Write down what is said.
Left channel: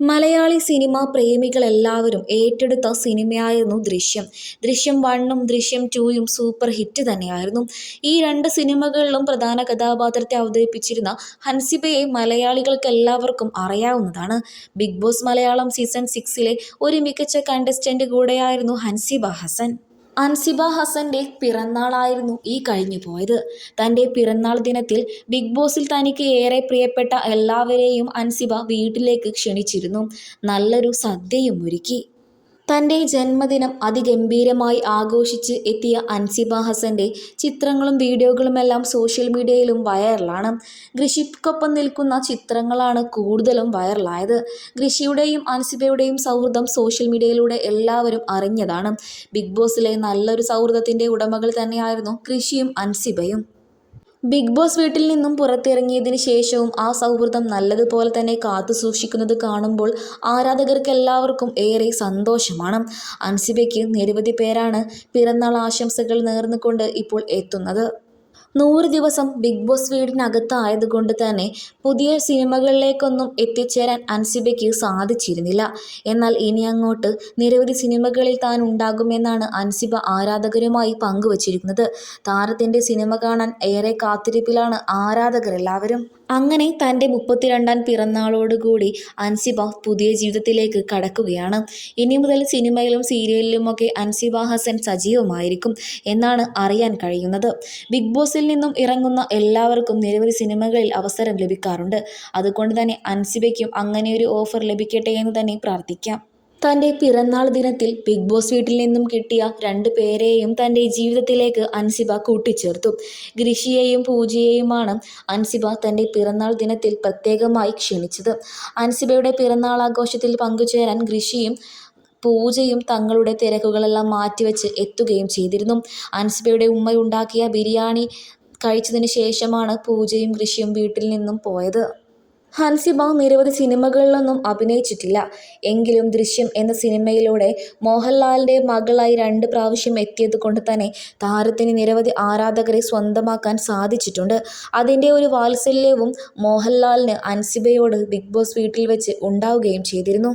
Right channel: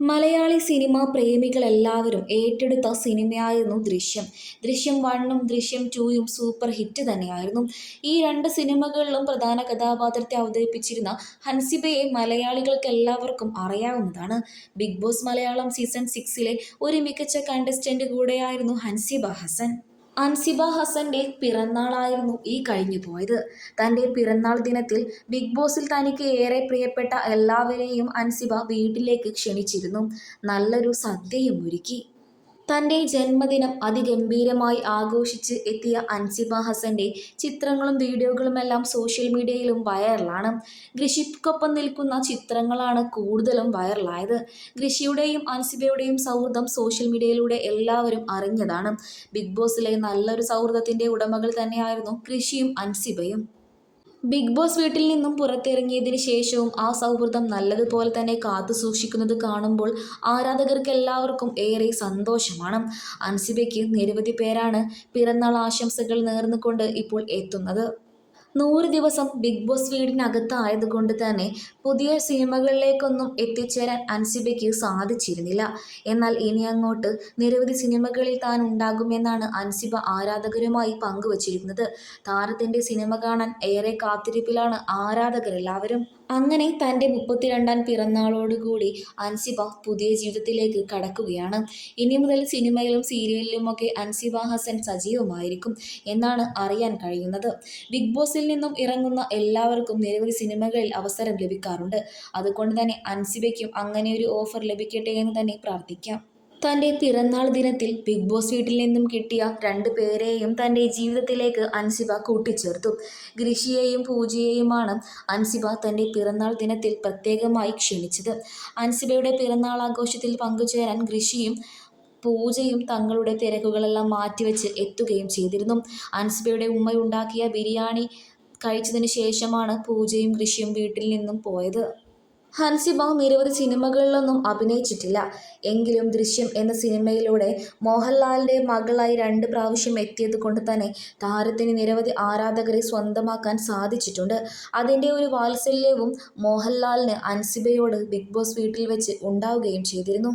Malayali cinema പ്രേമികളെല്ലാവരും ഏറ്റെടുത്ത സിനിമയായിരുന്നു ദൃശ്യം. ദൃശ്യം വണ്ണും ദൃശ്യം ടൂയും സൂപ്പർ ഹിറ്റ് തന്നെയായിരുന്നു. ഈ രണ്ട് സിനിമകളിലും പ്രധാന കഥാപാത്രത്തെ അവതരിപ്പിച്ചിരുന്ന ഹൻസിബയെ മലയാളികൾക്ക് എല്ലാവർക്കും അറിയാവുന്നതാണ്. ബിഗ് ബോസ് മലയാളം സീസൺ സിക്സിലെ ഒരു മികച്ച കണ്ടസ്റ്റന്റ് കൂടെയായിരുന്നു ഹൻസിബ ഹസൻ. അൻസിബ ഹസന്റെ പിറന്നാളായിരുന്നു ഈ കഴിഞ്ഞു പോയത് തന്റെ പിറന്നാൾ ദിനത്തിൽ ബിഗ് ബോസിൽ തനിക്ക് ഏറെ പ്രിയപ്പെട്ട എല്ലാവരെയും അൻസിബ വീട്ടിലേക്ക് ക്ഷണിച്ചിരുന്നു. നല്ലൊരു സദ്യയും ഒരുക്കി. തന്റെ ജന്മദിനം അതിഗംഭീരമായി ആഘോഷിച്ച് എത്തിയ അൻസിബ ഹസന്റെ ചിത്രങ്ങളും വീഡിയോകളുമെല്ലാം സോഷ്യൽ മീഡിയയിലും വൈറലാണ്. ഋഷിക്കൊപ്പം നിൽക്കുന്ന ചിത്രങ്ങളാണ് കൂടുതലും വൈറലായത്. ഋഷിയുടെയും അൻസിബയുടെയും സൗഹൃദം സോഷ്യൽ മീഡിയയിലൂടെ എല്ലാവരും അറിഞ്ഞതാണ്. ബിഗ് ബോസിലെ നല്ലൊരു സൗഹൃദത്തിന്റെ ഉടമകൾ തന്നെയായിരുന്നു ഋഷിയും അൻസിബയും. ബിഗ് ബോസ് വീട്ടിൽ നിന്നും പുറത്തിറങ്ങിയതിന് ശേഷവും ആ സൗഹൃദം നല്ലതുപോലെ തന്നെ കാത്തു സൂക്ഷിക്കുന്നത് കാണുമ്പോൾ ആരാധകർക്ക് എല്ലാവർക്കും ഏറെ സന്തോഷമാണ്. അൻസിബയ്ക്ക് നിരവധി പേരാണ് പിറന്നാൾ ആശംസകൾ നേർന്നുകൊണ്ട് ഇപ്പോൾ എത്തുന്നത്. നൂറ് ദിവസം ബിഗ് ബോസ് വീടിനകത്തായതുകൊണ്ട് തന്നെ പുതിയ സിനിമകളിലേക്കൊന്നും എത്തിച്ചേരാൻ അൻസിബയ്ക്ക് സാധിച്ചിരുന്നില്ല. എന്നാൽ ഇനി അങ്ങോട്ട് നിരവധി സിനിമകളിൽ താൻ ഉണ്ടാകുമെന്നാണ് അൻസിബ ആരാധകരുമായി പങ്കുവച്ചിരിക്കുന്നത്. താരത്തിന്റെ സിനിമ കാണാൻ ഏറെ കാത്തിരിപ്പിലാണ് ആരാധകരെല്ലാവരും. അങ്ങനെ തന്റെ മുപ്പത്തിരണ്ടാം പിറന്നാളോടുകൂടി അൻസിബ പുതിയ ജീവിതത്തിലേക്ക് കടക്കുകയാണ്. ഇനി മുതൽ സിനിമയിലും സീരിയലിലുമൊക്കെ അൻസിബ ഹസൻ സജീവമായിരിക്കും എന്നാണ് അറിയാൻ കഴിയുന്നത്. ബിഗ് ബോസിൽ നിന്നും ഇറങ്ങുന്ന എല്ലാവർക്കും നിരവധി സിനിമകളിൽ അവസരം ലഭിക്കാറുണ്ട്. അതുകൊണ്ട് തന്നെ അൻസിബയ്ക്കും അങ്ങനെ ഒരു ഓഫർ ലഭിക്കട്ടെ എന്ന് തന്നെ പ്രാർത്ഥിക്കാം. തന്റെ പിറന്നാൾ ദിനത്തിൽ ബിഗ് ബോസ് വീട്ടിൽ നിന്നും കിട്ടിയ രണ്ട് പേരെയും തന്റെ ജീവിതത്തിലേക്ക് അൻസിബ കൂട്ടിച്ചേർത്തു. ഗ്രിഷിയെയും പൂജയെയുമാണ് അൻസിബ തന്റെ പിറന്നാൾ ദിനത്തിൽ പ്രത്യേകമായി ക്ഷണിച്ചത്. അൻസിബയുടെ പിറന്നാൾ ആഘോഷത്തിൽ പങ്കുചേരാൻ ഗ്രിഷിയും പൂജയും തങ്ങളുടെ തിരക്കുകളെല്ലാം മാറ്റിവെച്ച് എത്തുകയും ചെയ്തിരുന്നു. അൻസിബയുടെ ഉമ്മ ഉണ്ടാക്കിയ ബിരിയാണി കഴിച്ചതിന് ശേഷമാണ് പൂജയും ഋഷിയും വീട്ടിൽ നിന്നും പോയത്. ഹൻസിബ നിരവധി സിനിമകളിലൊന്നും അഭിനയിച്ചിട്ടില്ല. എങ്കിലും ദൃശ്യം എന്ന സിനിമയിലൂടെ മോഹൻലാലിന്റെ മകളായി രണ്ട് പ്രാവശ്യം എത്തിയത് കൊണ്ട് തന്നെ താരത്തിന് നിരവധി ആരാധകരെ സ്വന്തമാക്കാൻ സാധിച്ചിട്ടുണ്ട്. അതിന്റെ ഒരു വാത്സല്യവും മോഹൻലാലിന് അൻസിബയോട് ബിഗ് ബോസ് വീട്ടിൽ വെച്ച് ഉണ്ടാവുകയും ചെയ്തിരുന്നു.